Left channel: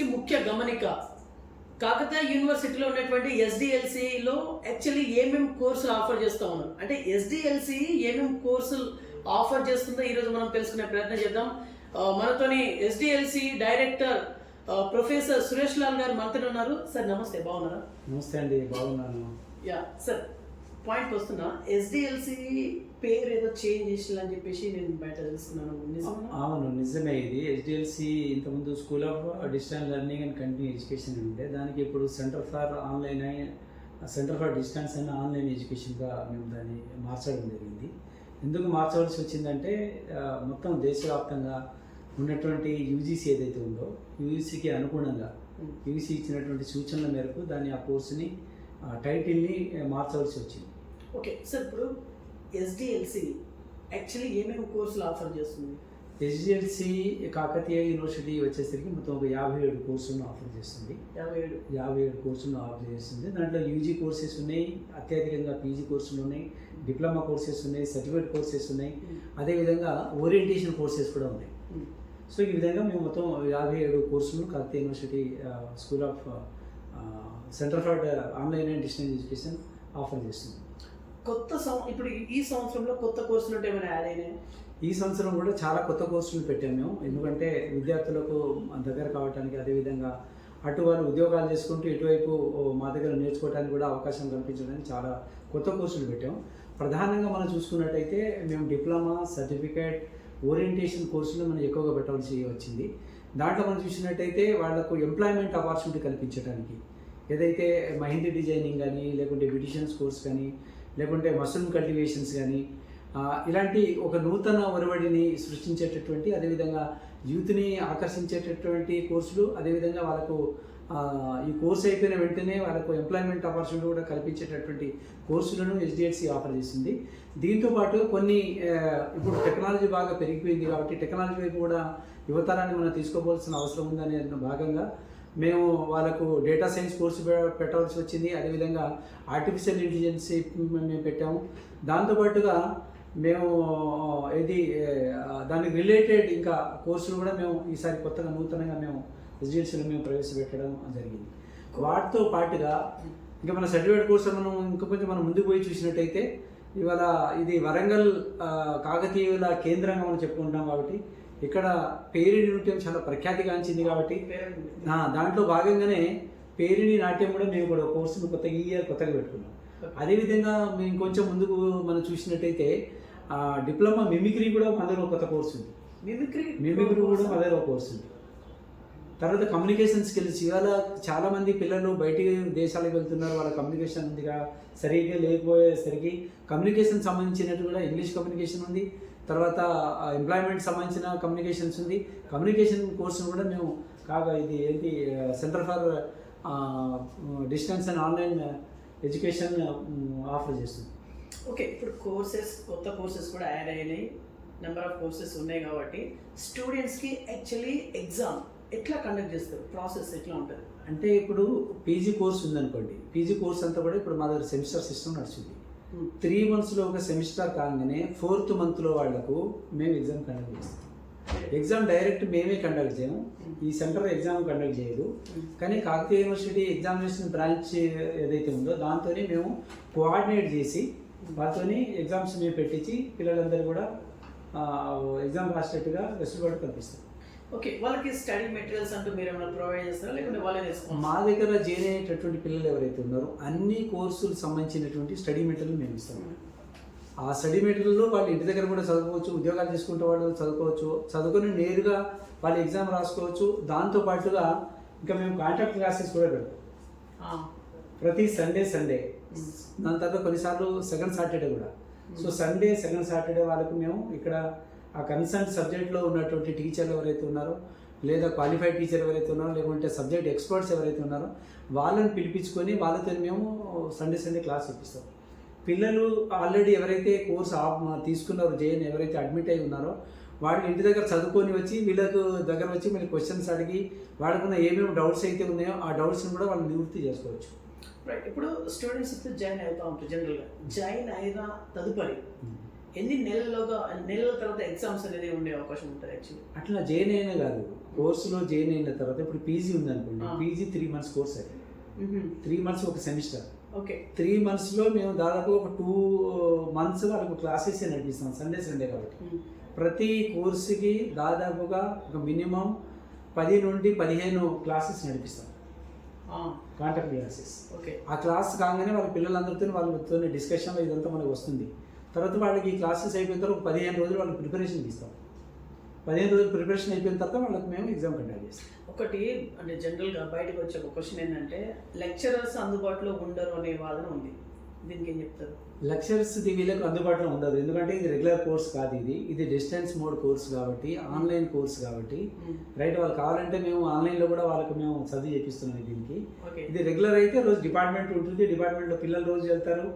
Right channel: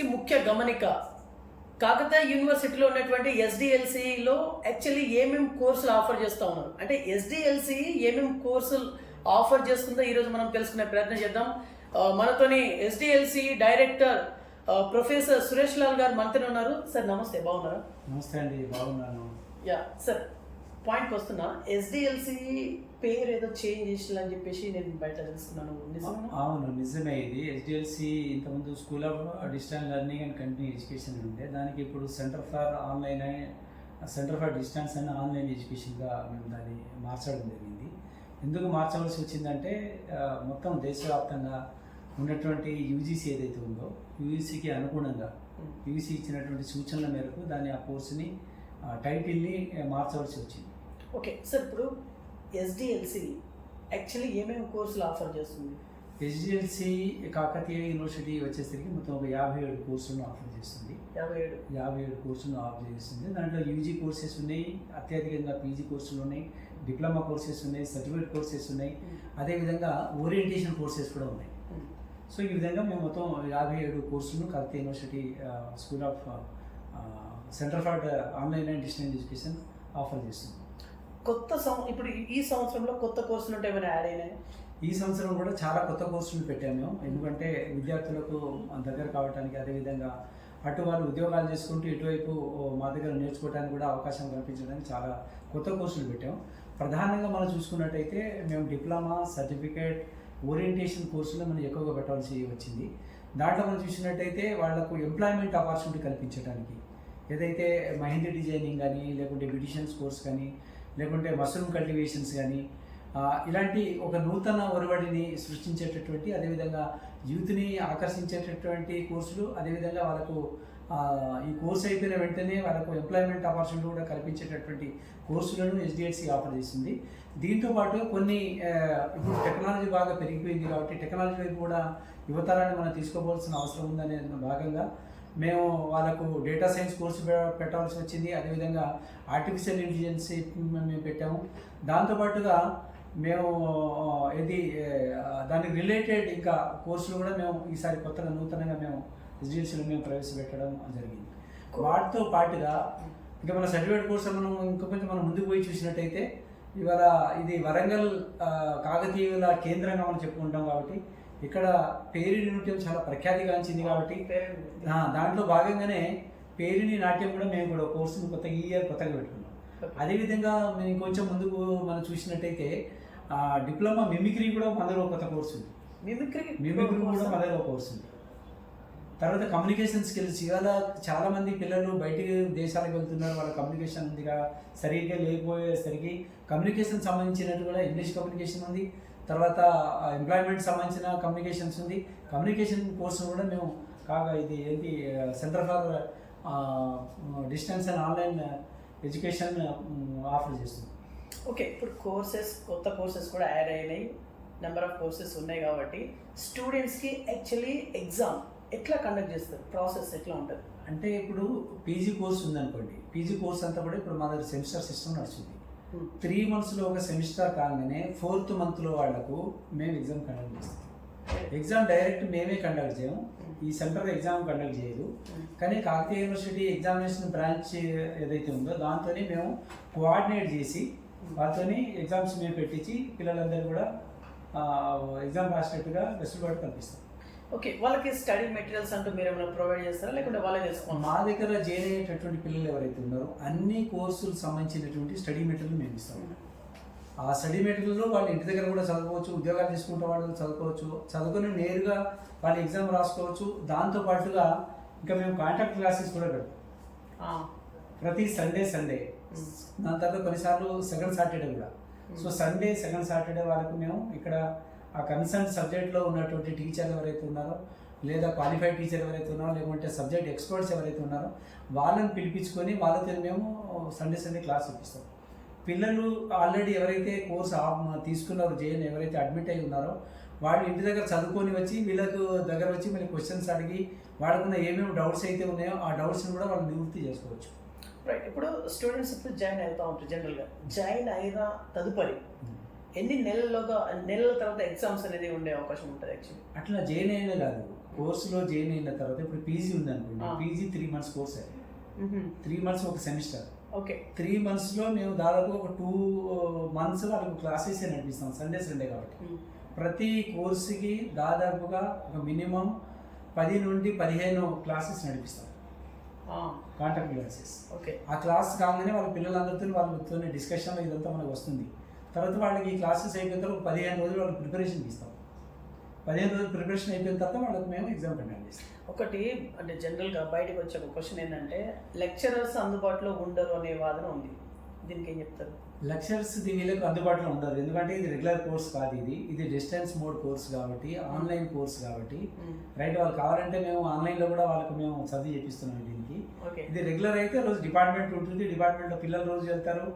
కి ముఖ్య గమనిక. కాకతీయ యూనివర్సిటీలో ఉన్నటువంటి ఎస్డిఎల్సిలో యాక్చువల్లీ ఏమేమి కోర్సులు ఆఫర్ చేస్తూ ఉన్నారు? అంటే ఎస్డిఎల్సి ఏమేమి కోర్సులు ఆఫర్ చేస్తుందో ఈరోజు మనం తెలుసుకునే ప్రయత్నం చేద్దాం. మనతోని S D L C director professor Suresh Lal garu మనతోనే ఉన్నారు. సార్ నమస్తే బాగున్నారా? నమస్తే అండి బాగున్నాను. యా సార్ పాయింట్కి వస్తున్నా ఎస్డిఎల్సి పేరు ఏదో చేంజ్ చేసిందని చెప్పేసి నేను బయట తెలుసుకున్నాను. అవును నిజమే ఇది. హెచ్డిఎల్సి ఇంతకుముందు school of distance learning and continue education అని ఉండే. దానికి ఇప్పుడు centre for online centre for distance and online ఎడ్యుకేషన్గా మేము దాన్ని మార్చడం జరిగింది. ఎందుకు మార్చవలసి వచ్చిందంటే మొత్తం దేశవ్యాప్తంగా ఉన్నటువంటి యూజీసీ ఏదైతే ఉందో యూజీసీకి అనుగుణంగా యూజీసీ ఇచ్చినటువంటి సూచనల మేరకు దాన్ని ఆ కోర్సుని టైటిల్ని మార్చవలసి వచ్చింది. ఓకే సార్ ఇప్పుడు ఎస్డిఎల్సి యాక్చువల్లీ ఏమేమి కోర్సులు ఆఫర్ చేస్తుంది? హెచ్డిఎల్సి కాకతీయ యూనివర్సిటీ వచ్చేసరికి మొత్తం ఒక యాభై ఏడు కోర్సులను ఆఫర్ చేస్తుంది. యాభై ఏడు. యాభై ఏడు కోర్సులను ఆఫర్ చేస్తుంది. దాంట్లో యూజీ కోర్సెస్ ఉన్నాయి అత్యధికంగా పీజీ కోర్సులు ఉన్నాయి డిప్లొమా కోర్సెస్ ఉన్నాయి సర్టిఫికేట్ కోర్సెస్ ఉన్నాయి. అదేవిధంగా ఓరియంటేషన్ కోర్సెస్ కూడా ఉన్నాయి. సో ఈ విధంగా మేము మొత్తం యాభై ఏడు కోర్సులను Kakatiya university school of centre for online and distance education offer చేస్తుంది కొత్త సం ఇప్పుడు ఈ- సంవత్సరంలో కొత్త కోర్సులు అంటే ఏమైనా యాడ్ అయినాయి? ఈ సంవత్సరం కూడా చాలా కొత్త కోర్సులు పెట్టాము మేము. ఎందుకంటే విద్యార్థులకు దగ్గర కావడానికి అదేవిధంగా అటు వాళ్ళు ఉద్యోగాలు చేసుకుంటూ ఇటువైపు మా దగ్గర నేర్చుకోవడానికి కూడా అవకాశం కల్పించడానికి చాలా కొత్త కోర్సులు పెట్టాం. ప్రధానంగా మనం చూసుకున్నట్టయితే మేము డిప్లొమా సర్టిఫికేట్ ఓరియంటేషన్ కోర్సులు మనం ఎక్కువగా పెట్టవలసి వచ్చింది. దాంట్లో మనం చూసినట్టయితే వాళ్ళకు ఎంప్లాయ్మెంట్ ఆపర్చునిటీ కల్పించడానికి ఏదైతే మహిందీ డిజైనింగ్ కానీ లేకుంటే బ్యూటిషియన్స్ కోర్స్ కానీ లేకుంటే మష్రూమ్ కల్టివేషన్స్ కానీ ఇలాంటి ఒక నూతన ఒరవడిని సృష్టించేటటువంటి అదేవిధంగా యూత్ని ఆకర్షించేటటువంటి కోర్సులు అదేవిధంగా వాళ్ళకు ఈ కోర్స్ అయిపోయిన వెంటనే వాళ్ళకు ఎంప్లాయ్మెంట్ ఆపర్చునిటీ కూడా కల్పించేటటువంటి కోర్సులను హెచ్డిఎఫ్సి ఆఫర్ చేసింది. దీంతో పాటు కొన్ని ఇప్పుడు టెక్నాలజీ బాగా పెరిగిపోయింది కాబట్టి టెక్నాలజీ వైపు కూడా యువతరాన్ని మనం తీసుకోవాల్సిన అవసరం ఉందనే భాగంగా మేము వాళ్ళకు డేటా సైన్స్ కోర్సు పె- పెట్టవలసి వచ్చింది. అదేవిధంగా ఆర్టిఫిషియల్ ఇంటెలిజెన్స్ మేము పెట్టాము. దాంతోపాటుగా మేము ఇది దానికి రిలేటెడ్ ఇంకా కోర్సులు కూడా మేము ఈసారి కొత్తగా నూతనంగా మేము రెసిడెన్షియల్ మేము ప్రవేశపెట్టడం జరిగింది. వాటితో పాటుగా ఇంకా మన సర్టిఫికేట్ కోర్సు మనం ఇంకా కొంచెం మనం ముందుకు పోయి చూసినట్టయితే ఇవాళ ఇది వరంగల్ కాకతీయుల కేంద్రంగా మనం చెప్పుకుంటాం కాబట్టి ఇక్కడ పేరి నృత్యం చాలా ప్రఖ్యాతిగాంచింది కాబట్టి దాంట్లో భాగంగానే పేరిని నాట్యం కూడా మేము కూడా కోర్సును కొత్త ఈ ఇయర్ కొత్తగా పెట్టుకున్నాం. అదేవిధంగా మేము కొంచెం ముందుకు మనం చూసినట్టయితే ఆ, డిప్లొమా మిమిక్రీ కూడా మన దగ్గర కొత్త కోర్సు ఉంది. మిమిక్రీ మిమిక్రీ కూడా మన దగ్గర ఒక కోర్సు ఉంది. తర్వాత కమ్యూనికేషన్ స్కిల్స్. ఇవాళ చాలా మంది పిల్లలు బయటికి దేశాలకు వెళ్తున్నారు వాళ్ళ కమ్యూనికేషన్ ఉందిగా సరిగ్గా లేకపోయేసరికి కమ్యూనికేషన్ సంబంధించినట్టు కూడా ఇంగ్లీష్ కమ్యూనికేషన్ ఉంది. తర్వాత ఎంప్లాయ్మెంట్ సంబంధించిన కమ్యూనికేషన్స్ ఉంది. కమ్యూనికేషన్ కోర్సును కూడా మేము కాగా ఇది ఏంటి centre for distance and online education offer చేస్తుంది. ఓకే ఇప్పుడు కోర్సెస్ కొత్త కోర్సెస్ కూడా యాడ్ అయినాయి. నెంబర్ ఆఫ్ కోర్సెస్ ఉన్నాయి కాబట్టి స్టూడెంట్స్కి యాక్చువల్లీ ఎగ్జామ్ ఎట్లా కండక్ట్ చేస్తారు? ప్రాసెస్ ఎట్లా ఉంటుంది? అంటే ఇప్పుడు పీజీ కోర్స్ ఉందనుకోండి. పీజీ కోర్స్ అంతా కూడా ఇప్పుడు మా దగ్గర సెమిస్టర్ సిస్టమ్ నడుస్తుంది. త్రీ మంత్స్లో ఒక సెమిస్టర్ కాగానే ఫోర్త్ మంత్లో వాళ్ళకు మేము ఎగ్జామ్ కండక్ట్ చేస్తాం. ఎగ్జామ్ డైరెక్ట్ మేమే కండక్ట్ చేయము. ఈ సెంటర్ ఎగ్జామ్ కండక్ట్ చేయదు. కానీ కాకతీయ యూనివర్సిటీ ఎగ్జామినేషన్ బ్రాంచ్ ఏదైతే ఉందో దాంతోనే మేము కోఆర్డినేట్ చేసి వాటితోని ఎగ్జామ్స్ మేము పెట్టించి పిల్లలందరూ కూడా ఎగ్జామ్ రాసినట్టుగా వెసులుబాటు కల్పిస్తాం. ఓకే వాళ్ళకి స్టడీ మెటీరియల్స్ అంటూ మీరు ఏమైనా ప్రొవైడ్ చేస్తారా? లేకుంటే వాళ్ళే తెలుసుకోండి మా దగ్గర జాయిన్ అయ్యేటటువంటి పిల్లలు ఎవరైతే ఉన్నారో అన్ని కోర్సులకు సంబంధించినటువంటి స్టడీ మెటీరియల్ మేము ఇస్తాం. ఆ స్టడీ మెటీరియల్లో వాళ్ళు ఇంటి దగ్గర కూడా చదువుకోవచ్చు ఉద్యోగాలు చేసుకుంటే వాళ్ళు చదువుకోవచ్చు. చదువుకొని నేరుగా వాళ్ళు ఎగ్జామ్ రాసుకోవచ్చు. దాంతో పాటుగా ఇంకా మేము కాంటాక్ట్ క్లాసెస్ కూడా పెడతాం. ప్రతి సండే సండే. దాని తర్వాత కొన్నిసార్లు సెకండ్ సాటర్డే కూడా. సో సండే సెకండ్ సాటర్డే వాళ్ళకు మేము ఇక్కడ ఆ కన్సర్న్ సబ్జెక్ట్లో ఉన్నటువంటి టీచర్లు ఎవరైతే ఉన్నారో లేదా క్వాలిఫైడ్ టీచర్ ఎవరైతే ఉన్నారో లేకుంటే సబ్జెక్ట్ ఎక్స్పర్ట్స్ ఎవరైతే ఉన్నారో వాళ్ళని పిలిపించుకొని వాళ్ళతో మేము సండే సండే క్లాస్ ఇప్పిస్తాం. పిల్లలు ఆల్రెడీ ఎవరైతే కోర్స్ తీసుకున్నారో జేఎన్ ఎవరైతే అడ్మిట్ అయి ఉన్నారో వాళ్ళు ఇంటి దగ్గర చదువుకొని వచ్చి వీళ్ళకు దగ్గర వచ్చి మళ్ళీ క్వశ్చన్స్ అడిగి వాళ్ళకున్న ఏమేమి డౌట్స్ అయితే ఉన్నాయో ఆ డౌట్స్ని కూడా వాళ్ళు నివృత్తి చేసుకోవచ్చు. రైట్ ఇప్పుడు స్టూడెంట్స్ ఇప్పుడు జాయిన్ అవుతా ఉంటారు జనరల్గా జాయిన్ అయిన తదుపరి ఎన్ని నెలలుగా నెలల తర్వాత ఎగ్జామ్స్ అనేది ఉండే అవకాశం ఉంటుంది యాక్చువల్లీ అట్లా జైన్ అయినా కాదు. కోర్సులో జైన్ అయిన తర్వాత ఇప్పుడు పీజీ ఉంది అనుకోండి. పీజీ త్రీ మంత్స్ కోర్స్ అది త్రీ మంత్స్ ఒక సెమిస్టర్ ఓకే. త్రీ మంత్స్లో మేము దాదాపు ఒక టూ మంత్స్ వాళ్ళకు క్లాసెస్ నడిపిస్తాం సండే సండే కాబట్టి. ప్రతి కోర్సుకి దాదాపుగా ఒక మినిమం పది నుండి పదిహేను క్లాసెస్ నడిపిస్తాం. Contact classes. ఓకే. ఆ క్లాస్ కాగానే వాళ్ళ పిల్లలందరితో వాళ్ళతో డిస్కషన్లో ఇదంతా మనకు వస్తుంది. తర్వాత వాళ్ళకి క్లాసెస్ అయిపోయిన తర్వాత ఒక పదిహేను రోజులు వాళ్ళకి ప్రిపరేషన్ ఇస్తాం పదిహేను రోజులు ప్రిపరేషన్ అయిపోయిన తర్వాత వాళ్ళకి మేము ఎగ్జామ్ కండక్ట్ చేస్తాం. ఒకటి అంటే జనరల్గా బయటకు వచ్చే ఒక క్వశ్చన్ ఏంటంటే లెక్చరర్స్ అందుబాటులో ఉండరు అనే వాదన ఉంది. దీనికి ఏం చెప్తారు? లెక్చర్స్ వీళ్ళకు అందుబాటులో ఉండదు. ఎందుకంటే ఇది రెగ్యులర్ కోర్స్ కాదు ఇది. ఇది డిస్టెన్స్ మోడ్ కోర్స్ కాబట్టి ఆన్లైన్ కోర్స్ కాబట్టి. రైట్ వాళ్ళు కావాలంటే మేము ఆన్లైన్లో కూడా వాళ్ళకు మేము చదివి చేపిస్తున్నాం దీనికి. ఇది రెగ్యులర్ అయితే రోజు డిపార్ట్మెంట్ ఉంటుంది. డిపార్ట్మెంట్లో పిల్లలు రోజు వెళ్తారు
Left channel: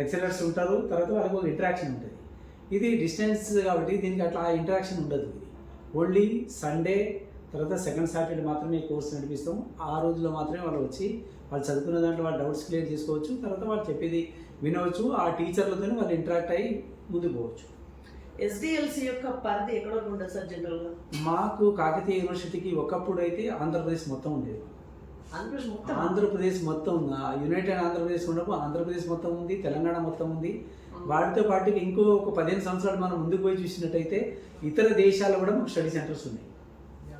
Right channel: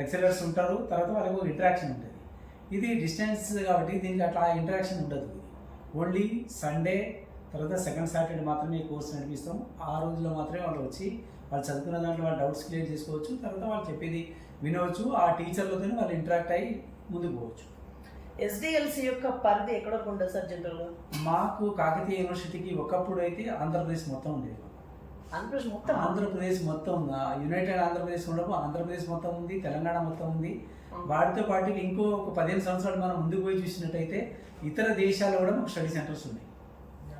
లెక్చరర్స్ ఉంటారు. తర్వాత వాళ్ళకు ఒక ఇంటరాక్షన్ ఉంటుంది. ఇది డిస్టెన్స్ కాబట్టి దీనికి అట్లా ఇంటరాక్షన్ ఉండదు. ఇది ఓన్లీ సండే తర్వాత సెకండ్ సాటర్డే మాత్రమే ఈ కోర్స్ నడిపిస్తాం. ఆ రోజుల్లో మాత్రమే వాళ్ళు వచ్చి వాళ్ళు చదువుకున్న దాంట్లో వాళ్ళు డౌట్స్ క్లియర్ చేసుకోవచ్చు. తర్వాత వాళ్ళు చెప్పేది వినవచ్చు. ఆ టీచర్లతో వాళ్ళు ఇంటరాక్ట్ అయ్యి ముందుకు పోవచ్చు. ఎస్డిఎల్సి యొక్క పరిధి ఎక్కడ ఉంటుంది సార్ జనరల్గా? మాకు కాకతీయ యూనివర్సిటీకి ఒకప్పుడు అయితే ఆంధ్రప్రదేశ్ మొత్తం ఉండేది. ఆంధ్రప్రదేశ్ మొత్తం? ఆంధ్రప్రదేశ్ మొత్తం యునైటెడ్ ఆంధ్రప్రదేశ్ ఉండకు ఆంధ్రప్రదేశ్ మొత్తం ఉంది తెలంగాణ మొత్తం ఉంది. వాటితో పాటు ఇంకో ఒక పదిహేను సంవత్సరాలు మనం ముందుకు పోయి చూసినట్టయితే ఇతర దేశాల్లో కూడా మాకు స్టడీ సెంటర్స్ ఉన్నాయి.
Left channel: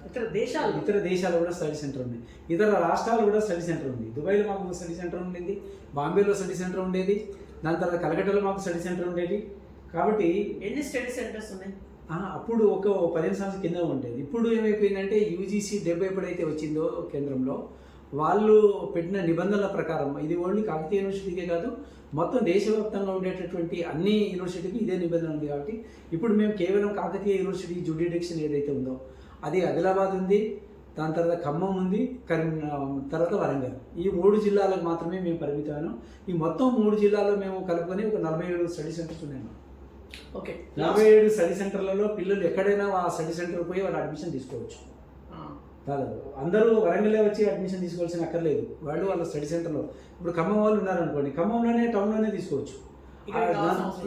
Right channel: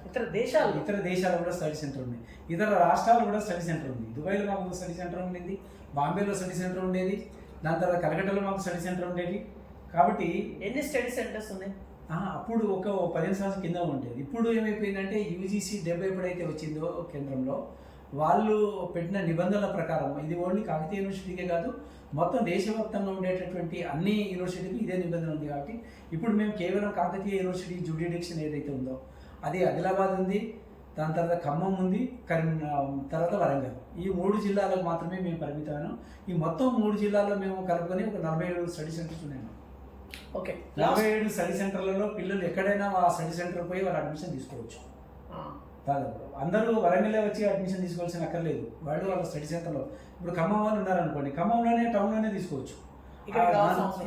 ఇతర దేశాలు? ఇతర దేశాల్లో కూడా స్టడీ సెంటర్ ఉంది. ఇతర రాష్ట్రాల్లో కూడా స్టడీ సెంటర్ ఉంది. దుబాయ్లో మాకు ఒక స్టడీ సెంటర్ ఉండేది. బాంబేలో స్టడీ సెంటర్ ఉండేది. దాని తర్వాత కలకట్టాలో మాకు స్టడీ సెంటర్ ఉండేది. కాబట్టి ఎన్ని స్టడీ సెంటర్స్ ఉన్నాయి? అప్పుడు ఒక పదిహేను సంవత్సరాల కింద ఉండేది. ఇప్పుడు ఏమైపోయిందంటే యూజీసీ డెబ్బై ఎప్పుడైతే వచ్చిందో కేంద్రంలో వాళ్ళు పెట్టిన నిబంధనల ప్రకారం ఇది ఓన్లీ కాకతీయ యూనివర్సిటీకే కాదు మొత్తం దేశవ్యాప్తంగా ఉండేటటువంటి అన్ని యూనివర్సిటీకి ఇదే నిబంధన ఉంది కాబట్టి ఇప్పుడు మేము కేవలం కాకతీయ యూనివర్సిటీ జుడిడిక్షన్ ఏదైతే ఉందో అది ఆదిలాబాద్ ఉంది దాని తర్వాత ఖమ్మం ఉంది కరీం తర్వాత వరంగల్. ఈ మూడు జిల్లాలకు మాత్రమే మేము పరిమితమైనాం. ఈ మొత్తం మూడు జిల్లాలో మేము కలుపుకొని ఒక నలభై ఏడు స్టడీ సెంటర్స్ ఉన్నాయి మాకు. ఓకే. నలభై ఏడు స్టడీ సెంటర్లలో పిల్లలు ఎక్కడైనా ఆ స్టడీ సెంటర్ పోయి వాళ్ళు అడ్మిషన్ తీసుకోవచ్చు. దాదాపు అందరూ వరంగల్లో వచ్చి అడ్మిషన్ తీసుకోవాల్సిన అక్కర్లేదు. వాళ్ళు వాళ్ళ స్టడీ సెంటర్లో ఇప్పుడు ఖమ్మం వాళ్ళు ఉన్నారనుకోండి ఖమ్మంలోనే టౌన్లోనే తీసుకోవచ్చు.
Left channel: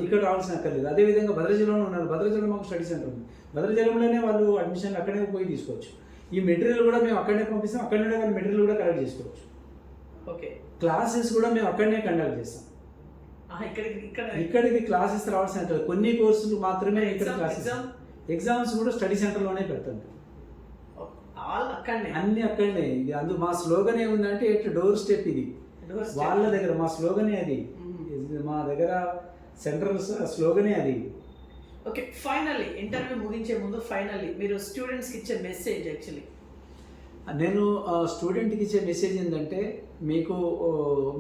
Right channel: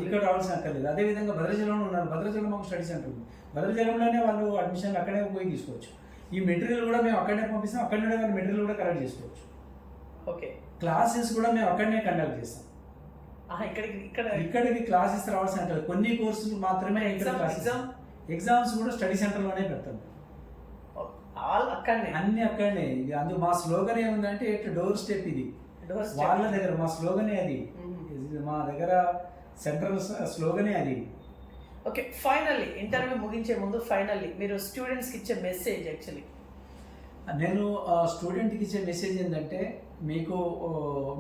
ఇక్కడ రావాల్సిన అక్కర్లేదు. అదేవిధంగా భద్రాచలంలో ఉన్నారు. భద్రాచలంలో మాకు స్టడీ సెంటర్ ఉంది. భద్రాచలంలోనే వాళ్ళు అడ్మిషన్ అక్కడే పోయి తీసుకోవచ్చు. ఈ మెటీరియల్ కూడా మేము అక్కడనే పంపిస్తాం. అక్కడనే వాళ్ళు మెటీరియల్ కూడా కలెక్ట్ చేసుకోవచ్చు. ఓకే. క్లాసెస్ కూడా మేము అక్కడనే కండక్ట్ చేస్తాం. ఇక్కడికి ఇక్కడ ఇక్కడికి క్లాసెస్ రావాల్సిన. కొన్ని కోర్సులు మాత్రమే ఇక్కడ క్లాసెస్? ఎగ్జామ్స్ కూడా స్టడీ సెంటర్లోనే పెడతాం. ఆల్ అక్కడనే. అన్ని అక్కడనే. ఇది అందు మా స్లోగన్ ఏముందంటే ఇట్లా డోర్ స్టెప్ ఇది. వాళ్ళ దగ్గర మా స్లోగనే అది. మా దగ్గర సెంట్రల్ స్లోగనే అది. ఓకే ఫైనల్లీ ఇంటర్వ్యూ ముగించే ముందు ఫైనల్లీ మీరు స్టూడెంట్స్కి ఇచ్చే మెసేజ్ యాక్చువల్లీ. నేను స్టూడెంట్కి ఇచ్చే మెసేజ్ ఏంటంటే మీకు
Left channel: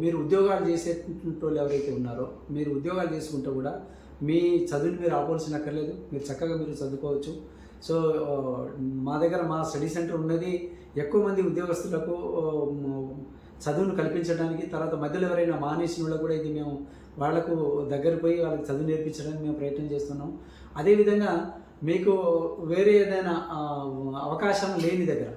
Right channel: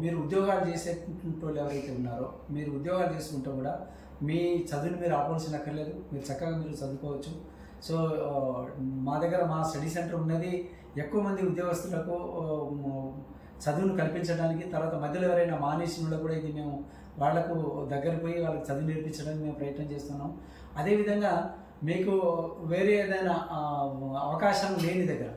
మీరు ఉద్యోగాలు చేసే వాళ్ళు ఎవరైతే ఉన్నారో మీరు ఉద్యోగాలు చేసుకుంటే కూడా మీ చదువుని మీరు ఆపాల్సిన అక్కర్లేదు. మీరు చక్కగా మీరు చదువుకోవచ్చు. సో మా దగ్గర మా స్టడీ సెంటర్ ఉన్నది. ఎక్కువ మంది ఉద్యోగస్తులకు చదువును కల్పించడానికి తర్వాత మధ్యలో ఎవరైనా మానేసిన వాళ్ళకు కూడా ఇది మేము వాళ్ళకు దగ్గర పోయి వాళ్ళకి చదువు నేర్పించడానికి మేము ప్రయత్నం చేస్తున్నాం. అదేవిధంగా మీకు వేరే ఏదైనా అవకాశం లేని దగ్గర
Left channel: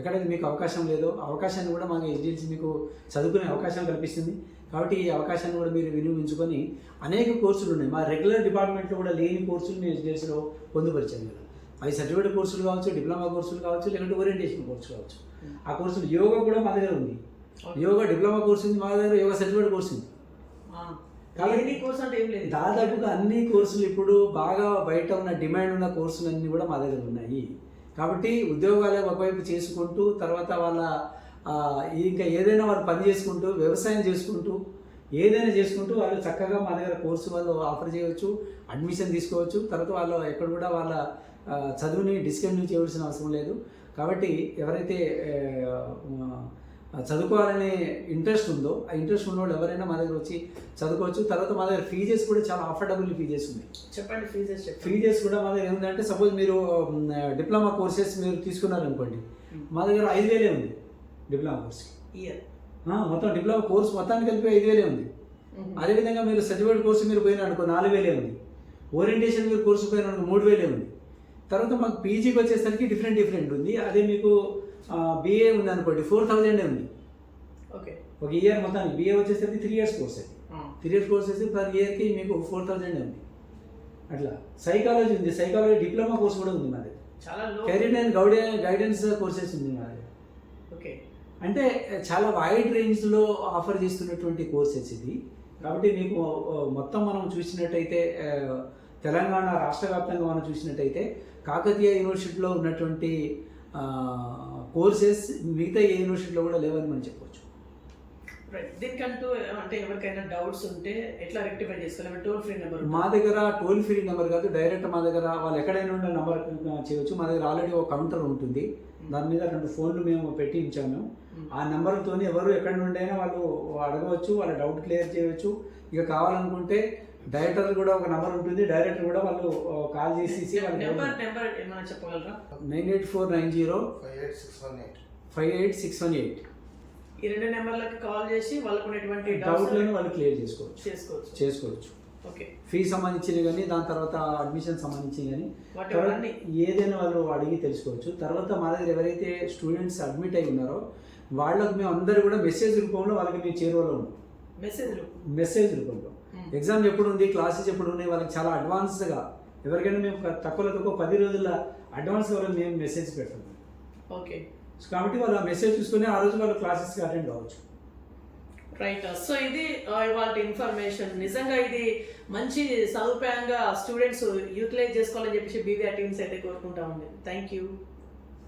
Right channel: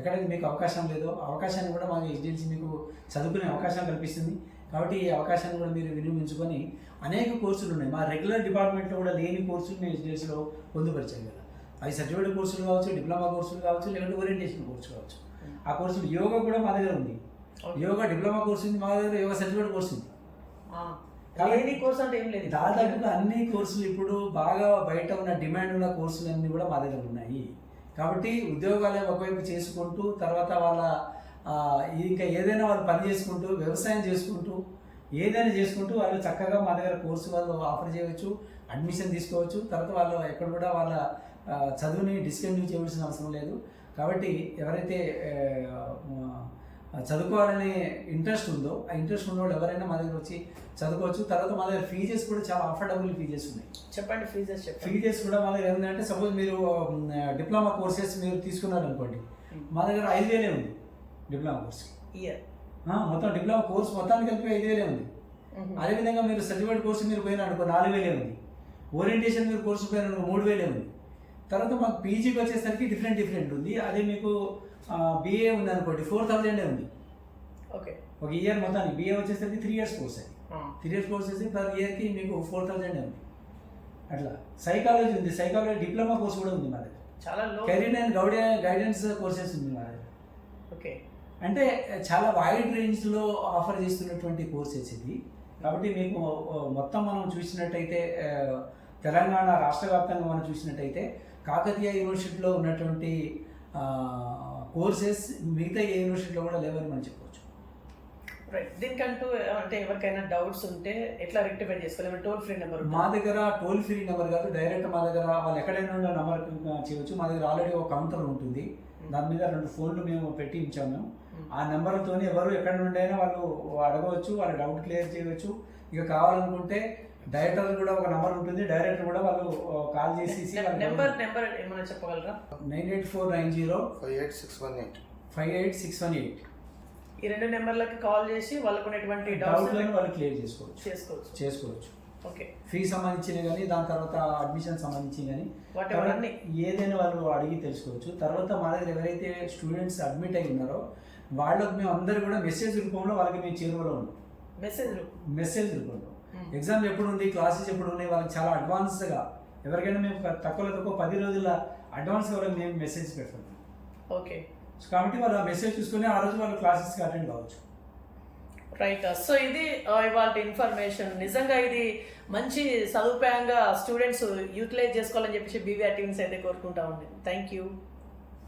ఎక్కడైతే మీకు అవకాశం లేదో అవకాశాన్ని కూడా మాకు ఏజెన్సీ మీకు చదువుకునే అవకాశం కల్పిస్తుంది. కాబట్టి ఈ అవకాశాన్ని కూడా మీరు వినియోగించుకొని అనేక కోర్సులు ఉన్నాయి. మా రెగ్యులర్ డిపార్ట్మెంట్లో కూడా లేని కోర్సులు మేము ఎడ్యుకేషన్లో పొందుపరిచాం కదా. అవి సర్టిఫికేట్ కోర్సులు కావచ్చు డిప్లొమా కోర్సులు కావచ్చు లేదంటే ఓరియంటేషన్ కోర్సు కావచ్చు. ఆ కోర్సులు యోగా కూడా మా దగ్గర ఉంది. యోగా డిప్లొమా కోర్సు ఉంది మా దగ్గర యోగా సర్టిఫికేట్ కోర్సు ఉంది. కోర్స్ అంటే ఏం లేదు. దాదాపుగా అన్ని కోర్సులు ఇప్పుడు బాగా బయట ఉన్న డిమాండ్ ఉన్న కోర్సులు అన్నీ కూడా మా దగ్గర ఉన్నాయి. కాబట్టి ఉద్యోగాలు ఒకవైపు చేసుకుంటూ తర్వాత వాళ్ళ ఇంకా ఏదైనా వాళ్ళు పని చేసుకుంటూ వ్యవసాయం చేసుకుంటూ ఏదైనా చేసుకుంటూ వాళ్ళు చక్కగా మా దగ్గర కోర్సు వాళ్ళు ఆఫర్ చేయవచ్చు అడ్మిషన్ తీసుకోవచ్చు. తర్వాత వాళ్ళు ఎక్కడ కూడా వాళ్ళ చదువుని డిస్కంటిన్యూ చేయవలసిన అవసరం లేదు. కాబట్టి ఎవరైతే చదువుకోవాలనే ఇంట్రెస్ట్ ఉందో ఆ ఇంట్రెస్ట్ ఉన్న వాళ్ళు ఎవరైనా మా దగ్గర వచ్చి చదువుకోవచ్చు. తర్వాత మా దగ్గర ఫీజెస్ కూడా చాలా అఫోర్డబుల్ ఫీజెస్ ఉన్నాయి. చెప్పండి ఫీజెస్ ఫీజెస్ కూడా మా దగ్గర ఏముందంటే సపోజ్ మీరు డిప్లొమా కోర్సెస్ మీరు తీసుకున్నారనుకోండి మా. దగ్గర ఐదు వేలే ఉంది డిప్లొమా కోర్స్. ఇయర్. మొత్తం డిప్లొమా కోర్స్ మొత్తానికి కలిపి ఐదు వేలే ఉంది. అదేవిధంగా మీరు సర్టిఫికేట్ కోర్సు మీరు పోయిన అనుకో నాలుగు వేలే ఉంది. ఓరియంటేషన్ మీరు కోర్సు పోయిన అనుకో మూడు వేలే ఉంది. తర్వాత మాకు పీజీకి వచ్చేసరికి డిఫరెంట్ డిఫరెంట్ ఉంది. అదే మీకు బీఏ ఉంది అనుకోండి ఫోర్ థౌజండే ఉంది. ఓకే. ఒక ఇయర్ మొత్తానికి బీఏ వచ్చేసరికి త్రీ ఇయర్స్ కోర్స్ అది త్రీ ఇయర్స్ కోర్స్ వచ్చి పర్ ఇయర్కి మీకు ఫోర్ థౌజండ్ ఉంది. అట్లా. సైకాలజీ ఉంది. సైకాలజీ డిప్లొమా కోర్స్ కూడా ఉంది మా దగ్గర. చాలా career and guide guidance courses ఉంది మా దగ్గర. ఓకే. అంటే చాలా వైడ్ రేంజ్లో ఆఫర్ చేస్తున్నటువంటి కోర్సెస్ ఇది. కాబట్టి మీకు మొత్తం మనం చూసినట్టయితే తెలంగాణ రాష్ట్ర వ్యాప్తంగా మనం చూసినట్టయితే కాకతీయ యూనివర్సిటీలో ఉన్నటువంటి కోర్సెస్ మిగతా ఏ యూనివర్సిటీలో కూడా లేవని మనం చెప్పవచ్చు రైట్ దీనికంటూ అంటే ఎవరికైనా డౌట్స్ ఉంటే ఎట్లా రెక్టిఫై చేసుకోవాలి టోల్ ఫ్రీ నెంబర్ మా దగ్గర టోల్ ఫ్రీ నెంబర్ కాదు డైరెక్ట్ మా దగ్గర వాళ్ళు ఎక్కడైనా ఉండే నెంబర్ చేయవచ్చు మా దగ్గర ఆల్రెడీ ఒక కౌంటర్ ఉంటుంది. దాని మీద రెండు ఫోన్లు మేము పెట్టి ఉంచాము ఆ నెంబర్తో ఎవరు ఎక్కడి నుండి అయినా వాళ్ళు అడగవచ్చు వాళ్ళ డౌట్ క్లియర్ చేయవచ్చు. ఇక కావాలనుకుంటే డైరెక్టర్ కూడా ఒక నెంబర్ ఉంటుంది. డైరెక్టర్ కూడా వాళ్ళు కాల్ చేసేసి నెంబర్ నెంబర్ ఏమైనా చెప్పగలరా? Nine eight four nine zero five eight six one eight. Five eight six one eight. ఈ రెండు నెంబర్లకి కాల్ చేసి వాళ్ళకు ఉన్నటువంటి డౌట్లను వాళ్ళు క్లియర్ చేసుకోవచ్చు. చేసుకోవచ్చు. చేసుకోవచ్చు. ఓకే. ఫీ సంబంధించినవి కానీ దాని తర్వాత అడ్మిషన్ సంబంధించి కానీ ఏదైనా వాళ్ళు అడిగి తెలుసుకోవచ్చు. తర్వాత మా దగ్గర ఎవరైతే స్టూడెంట్స్ అడ్మిట్ అయి ఉన్నారో వాళ్ళకు మేము అందరు కూడా మెసేజ్ రూపంలో వాళ్ళకి మేము చేరువలో ఉన్నాం. మెసేజ్ మెసేజ్ రూపంలో. ఎగ్జామ్ ఎప్పుడు ఉంది క్లాసెస్ ఎప్పుడు ఉన్నాయి వాళ్ళకి చాలా అడ్వాన్స్గా ఎవరికైనా మేము తక్కువలో తక్కువ పది రోజుల అడ్వాన్స్ వాళ్ళకి మేము మెసేజ్ పెడతాం. ఓకే కాబట్టి వాళ్ళు ఆ మెసేజ్ చూసుకొని ఆ రోజు వాళ్ళు క్లాసెస్కి అటెండ్ కావచ్చు. రైట్ సో ఇది ఇవాళ ఇన్ఫర్మేషన్ నిజంగా ఇది మంచి సదుపాయంగా స్టూడెంట్స్ యూటిలైజ్ చేసుకోవాలని చెప్పేసి బీవీఆర్ టీమ్స్ అయితే కోరుకుంటా ఉంది. Thank you